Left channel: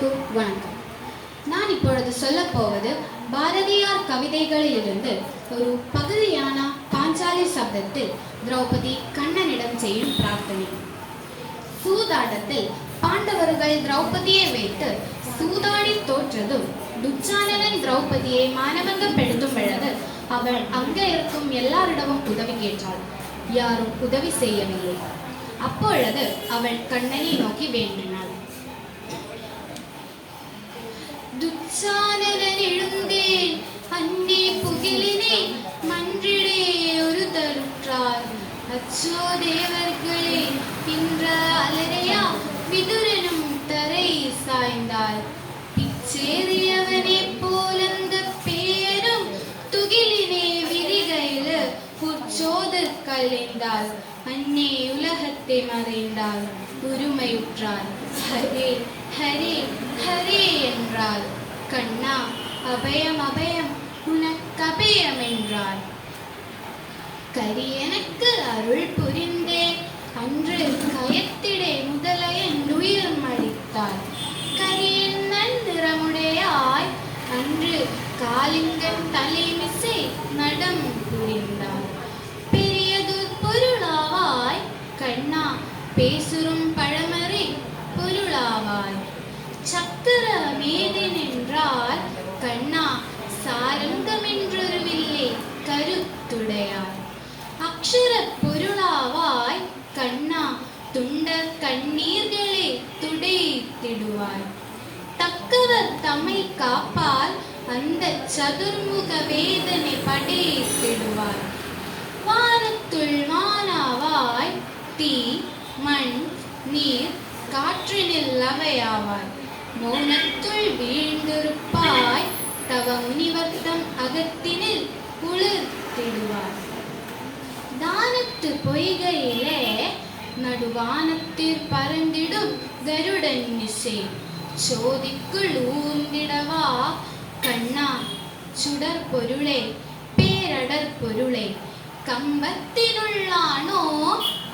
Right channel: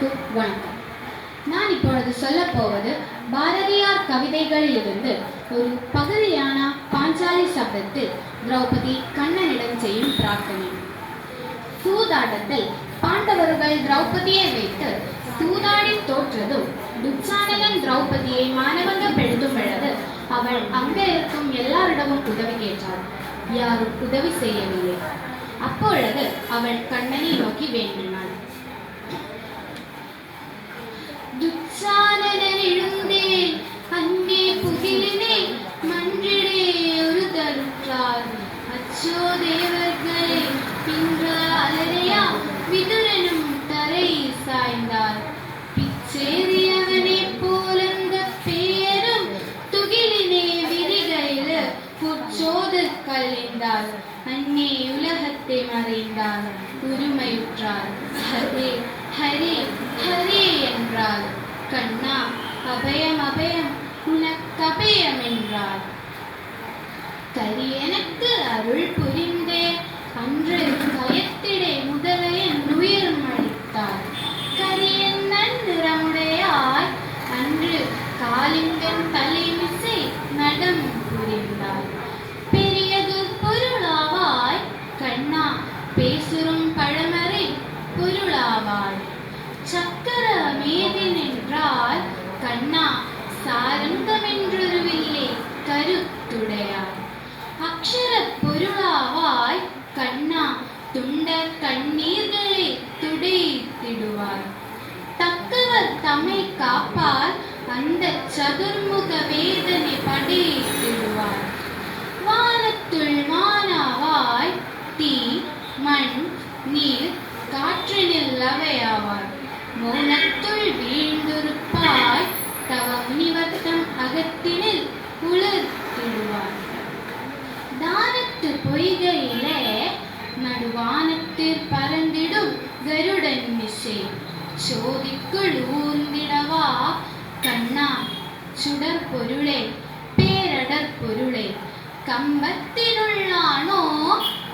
அனைவருக்கும் வணக்கம். நான் இப்பொழுது சொல்ல போவது பாரதியார் கவிதைகளிலிருந்து ஒரு பகுதியான பாஞ்சாலி சப்தத்தில் திரௌபதி கண்ணனிடம் செய்யும் பிரார்த்தனை. சூதாட்டத்தில் பாண்டவர்கள் திரௌபதியை வைத்து சூதாடி தோற்றதும் துச்சானனன் திரௌபதியை மானபங்கப்படுத்தும் பொழுது அவள் அங்கே இருக்கும் எல்லாரிடமும் உதவி கேட்டாள். யாரும் உதவி செய்யவில்லை. அப்பொழுது அவள் கண்ணனை நோக்கி வேண்டினாள். துச்சானனன் எழுந்தேன் அன்னே புகிலினே மன்றிடே ஒரு தருற்றார் அச்சோ தேவர்களே பின்ற அலரையா விதுரனும் தரை சாய்ந்தாள் பிச்சேறியவனே போலங்க பேயரும் துகிலினே விரிகையில புச்சோதர் கலைந்தாள் அன்னே உலகத்தை மறைந்தாள் உரிமையுற்றாள் ஹரே ஹரே ஹரே என்றாள். கண்ணா அபயம் அபயம் உனக்கபயம் என்றாள். கரியனுக்கு அருள் புரிந்தே அன்று கயத்திடை முதலையன் உயிர் மடித்தாள். கரியன் நிறமுடையாய் அன்று காலிங்கன் தலைமிசை நடம் புரிந்தாள். பெரியது பொருளாவாய் கண்ணா பேசுறும் பழமறை பொருளாவாய். சக்கர மேதி நின்றால் கண்ணா சாரந்தமென்றொரு வில்லை கருத்துடையாய். அக்ஷர பொருளாவாய் கண்ணா துண்ட கண்ணீர்களை துடைத்திடுவாய். தக்கவர் தம்மை காப்பால் அந்த சதுர்முக வேதனை படைத்திடுவாய். வானத்துள் வானாவாய் தீ மண் நீர் காற்றினில் அவையாவாய். மௌனத்துள் வீழ்ந்திருப்பாய் தவ முனிவர்த்தம் அகத்தினில் உலர்த்திடுவாய். தானத்து பொய்கையிலே நடுவானத்தில் பறந்திடும் கருடன் மிசை சோதிக்குள் ஊர்ந்திடவா கண்ணா சுடர் பொருளே பேரடர் பொருளை. கம்பத்தினுள்ளானோ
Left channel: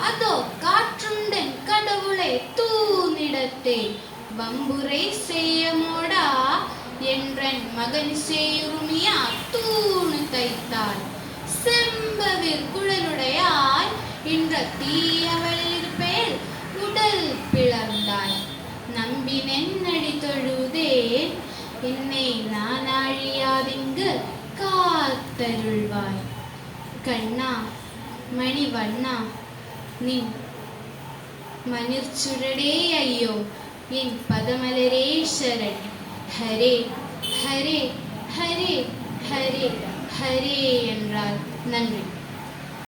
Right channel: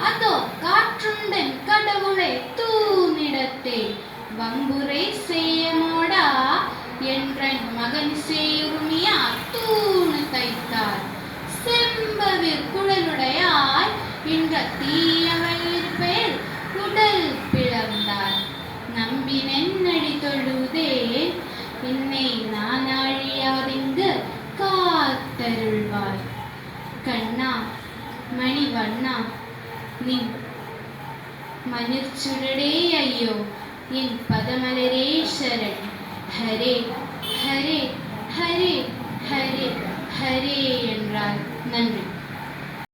அதோ காற்றுண்டன் கடவுளை தூணிடத்தே வம்புரை செய்யமோடா என்றன் மகன் செய்யுமியா தூணு தைத்தார். செம்பவிர் குழலுடையாய் என்ற தீயவள் இருப்பேல் உடல் பிளந்தார். நம்பினென்னடி தொழுதேன் என்னை நான் அழியாதிங்கு காத்தருள்வாய். கண்ணா மணிவண்ணா நின் மணிர்ச்சுடடே ஐயோ என் பதமலரே சரண். ஹரே ஹரே ஹரே ஹரே ஹரே என்றார். நன்றி.